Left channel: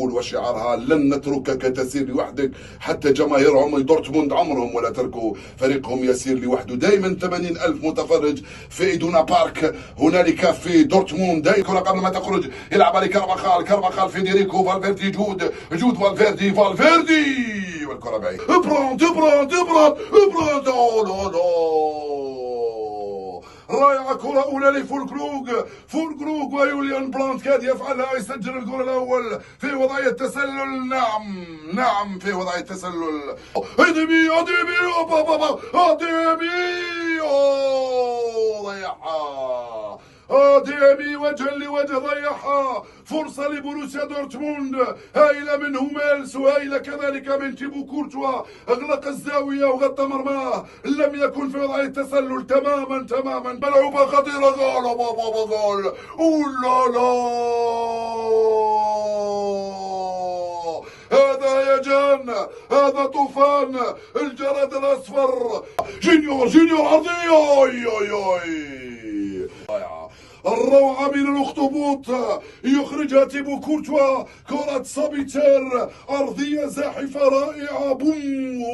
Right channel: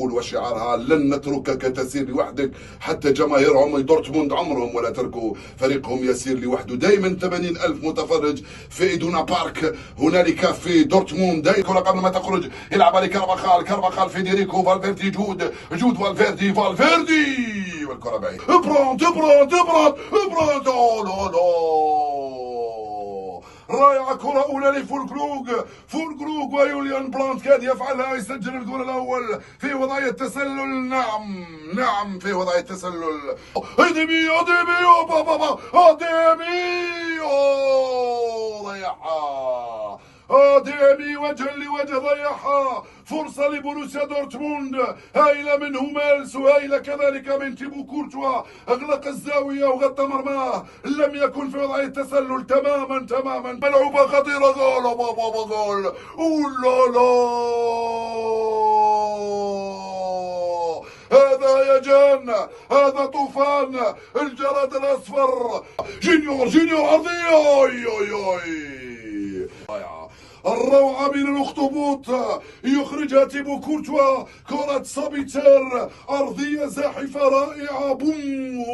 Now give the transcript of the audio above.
ليفربول وشعارها لن نتركك تسير لوحدك، حتى جماهيرهم دورتموند عمرهم ولا تركوا فريقهم يسير لوحده. دائما 80,000 متفرج في إيدونا بارك هنالك في دورتموند. دائما قبل ما تخرج يلعب على كارفاخال فيديريكو فالفيردي، جود فالفيردي والكرة بعيد. ابراند رائعة، كرة أولى لفولكروغ ويوليان براند كاد يفعلها، يسجل الجول الأول في وضعية تسلل. نعم في وضعية تسلل. أديمي ضيعها، أديمي وجها لوجه ضيعها. فرصة لبروسيا دورتموند هائلة من هوميلس وهائلة كذلك من تيبو كورتوا، أغلق الزاوية وغطى مرماه، لم يكن في وضع التسلل تماما. ملعوبة خطيرة، جول أولا هذا هيجان، هذا طوفان الجراد الأصفر. جونيور عرضية الروعة من الأخطبوط يخرجها تيبو كورتوا. كرة سابيتر أرضية زاحفة رائعة. بوم